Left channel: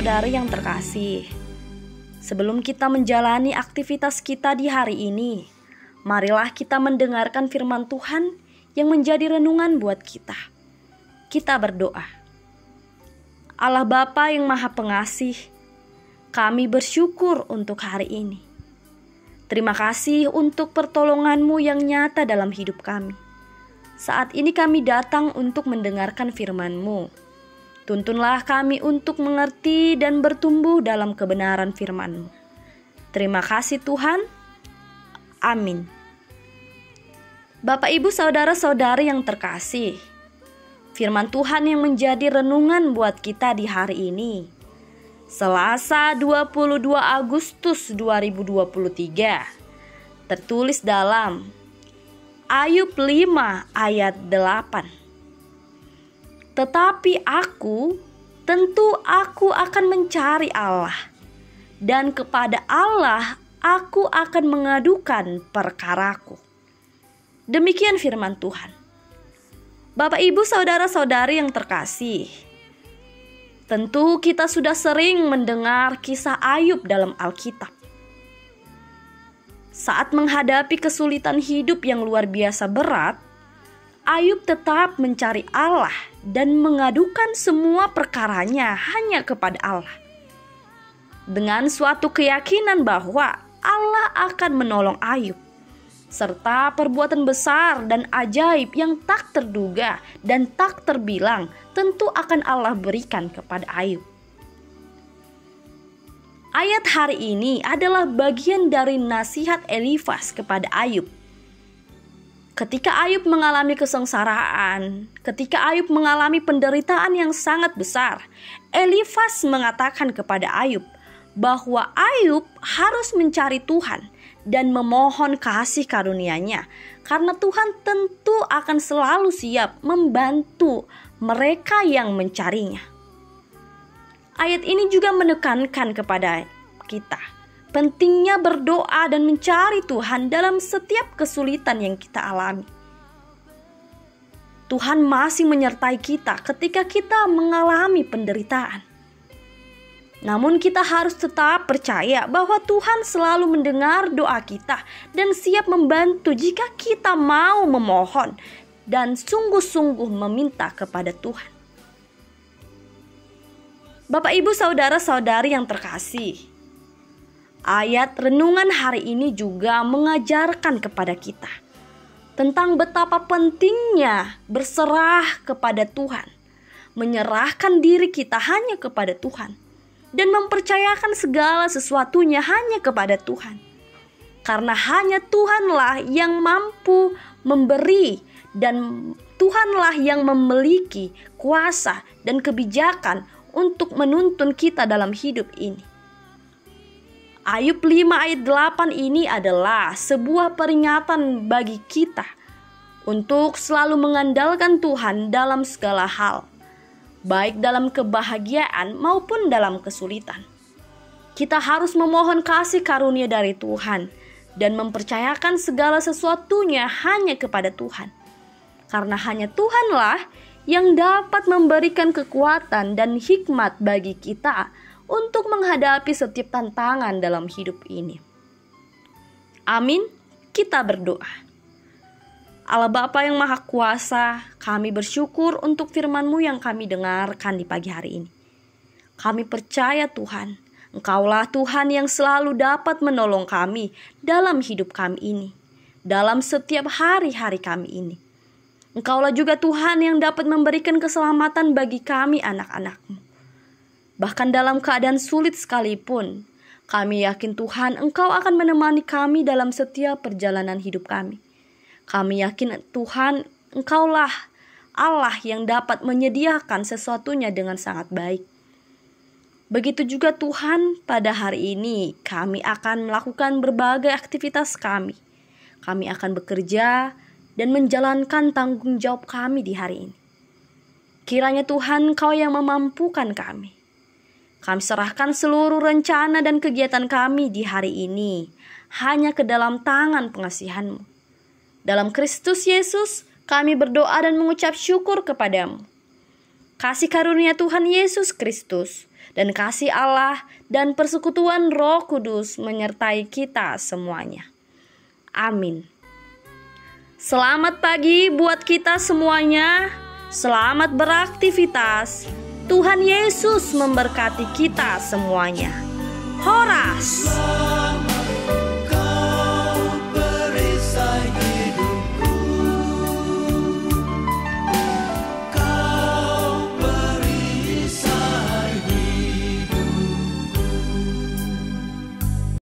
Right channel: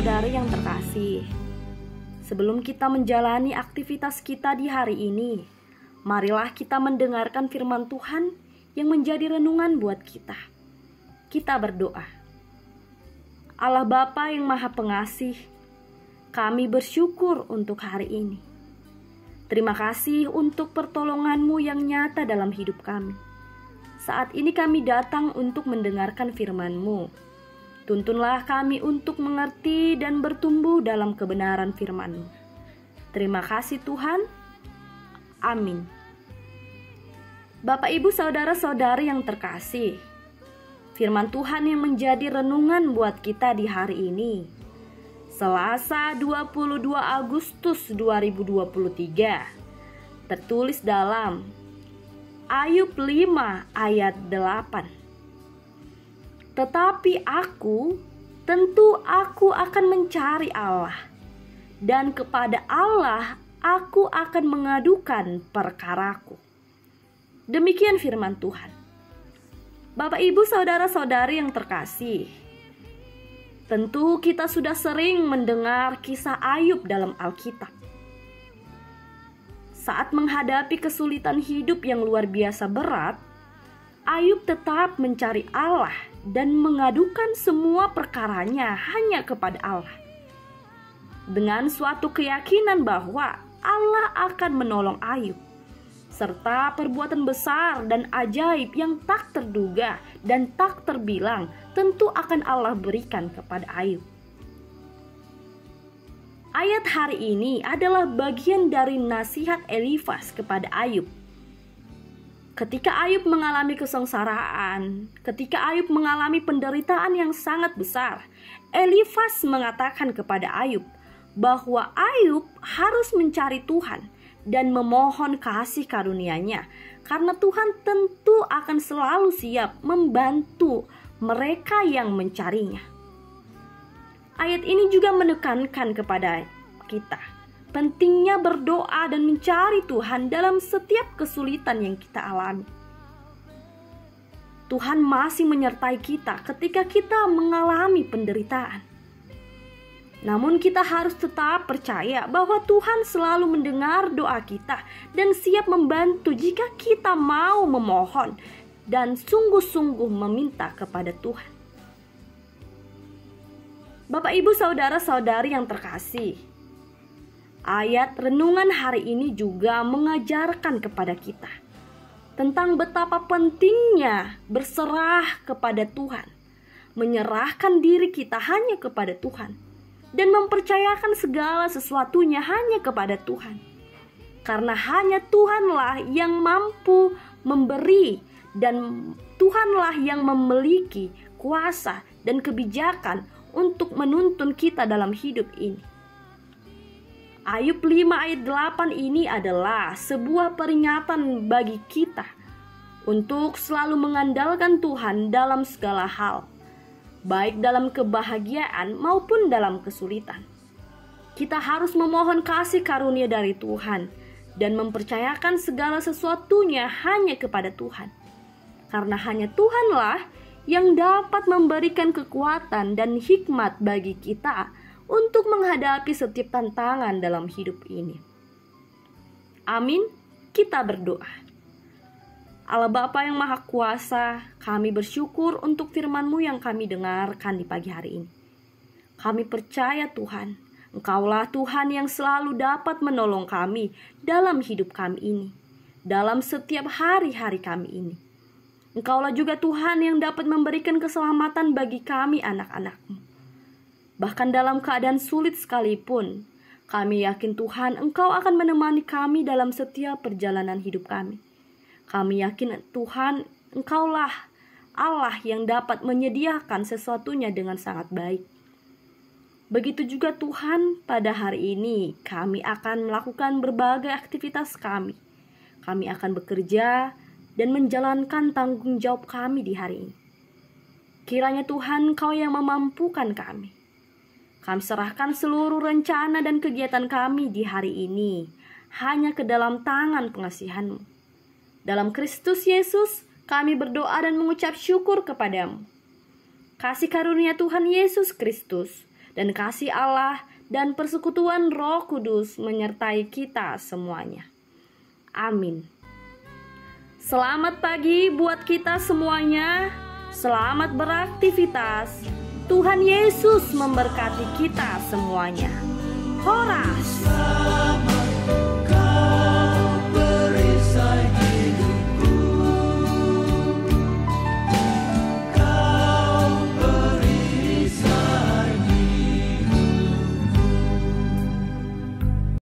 saudara-saudari yang terkasih, sebelum kita menjalani aktivitas kita di hari ini, marilah kita mendengarkan firman Tuhan yang menjadi renungan buat kita. Kita berdoa. Allah Bapa yang Maha Pengasih, kami bersyukur untuk hari ini. Terima kasih untuk pertolongan-Mu yang nyata dalam hidup kami. Saat ini kami datang untuk mendengarkan firman-Mu. Tuntunlah kami untuk mengerti dan bertumbuh dalam kebenaran firman-Mu. Terima kasih Tuhan. Amin. Bapak, Ibu, saudara-saudari yang terkasih, firman Tuhan yang menjadi renungan buat kita di hari ini, Selasa 22 Agustus 2023, tertulis dalam Ayub 5 ayat 8. Tetapi tentu aku akan mencari Allah, dan kepada Allah aku akan mengadukan perkaraku. Demikian firman Tuhan. Bapak, Ibu, saudara-saudari yang terkasih, tentu kita sudah sering mendengar kisah Ayub dalam Alkitab. Saat menghadapi kesulitan hidup yang luar biasa berat, Ayub tetap mencari Allah dan mengadukan semua perkaranya hanya kepada Allah, dengan suatu keyakinan bahwa Allah akan menolong Ayub, serta perbuatan besar dan ajaib yang tak terduga dan tak terbilang tentu akan Allah berikan kepada Ayub. Ayat hari ini adalah bagian dari nasihat Elifas kepada Ayub. Ketika Ayub mengalami kesengsaraan, ketika Ayub mengalami penderitaan yang sangat besar, Elifas mengatakan kepada Ayub bahwa Ayub harus mencari Tuhan dan memohon kasih karunia-Nya, karena Tuhan tentu akan selalu siap membantu mereka yang mencarinya. Ayat ini juga menekankan kepada kita pentingnya berdoa dan mencari Tuhan dalam setiap kesulitan yang kita alami. Tuhan masih menyertai kita ketika kita mengalami penderitaan. Namun kita harus tetap percaya bahwa Tuhan selalu mendengar doa kita dan siap membantu jika kita mau memohon dan sungguh-sungguh meminta kepada Tuhan. Bapak, Ibu, saudara-saudari yang terkasih, ayat renungan hari ini juga mengajarkan kepada kita tentang betapa pentingnya berserah kepada Tuhan, menyerahkan diri kita hanya kepada Tuhan, dan mempercayakan segala sesuatunya hanya kepada Tuhan. Karena hanya Tuhanlah yang mampu memberi, dan Tuhanlah yang memiliki kuasa dan kebijakan untuk menuntun kita dalam hidup ini. Ayub 5 ayat 8 ini adalah sebuah peringatan bagi kita untuk selalu mengandalkan Tuhan dalam segala hal, baik dalam kebahagiaan maupun dalam kesulitan. Kita harus memohon kasih karunia dari Tuhan dan mempercayakan segala sesuatunya hanya kepada Tuhan. Karena hanya Tuhanlah yang dapat memberikan kekuatan dan hikmat bagi kita untuk menghadapi setiap tantangan dalam hidup ini. Amin. Kita berdoa. Allah Bapa yang Maha Kuasa, kami bersyukur untuk firman-Mu yang kami dengarkan di pagi hari ini. Kami percaya Tuhan, Engkaulah Tuhan yang selalu dapat menolong kami dalam hidup kami ini, dalam setiap hari-hari kami ini. Engkaulah juga Tuhan yang dapat memberikan keselamatan bagi kami anak-anak-Mu. Bahkan dalam keadaan sulit sekalipun, kami yakin Tuhan Engkau akan menemani kami dalam setiap perjalanan hidup kami. Kami yakin Tuhan Engkaulah Allah yang dapat menyediakan sesuatunya dengan sangat baik. Begitu juga Tuhan, pada hari ini kami akan melakukan berbagai aktivitas kami. Kami akan bekerja dan menjalankan tanggung jawab kami di hari ini. Kiranya Tuhan Engkau yang memampukan kami. Kami serahkan seluruh rencana dan kegiatan kami di hari ini hanya ke dalam tangan pengasihan-Mu. Dalam Kristus Yesus, kami berdoa dan mengucap syukur kepadamu. Kasih karunia Tuhan Yesus Kristus, dan kasih Allah dan persekutuan Roh Kudus menyertai kita semuanya. Amin. Selamat pagi buat kita semuanya. Selamat beraktivitas. Tuhan Yesus memberkati kita semuanya. Horas.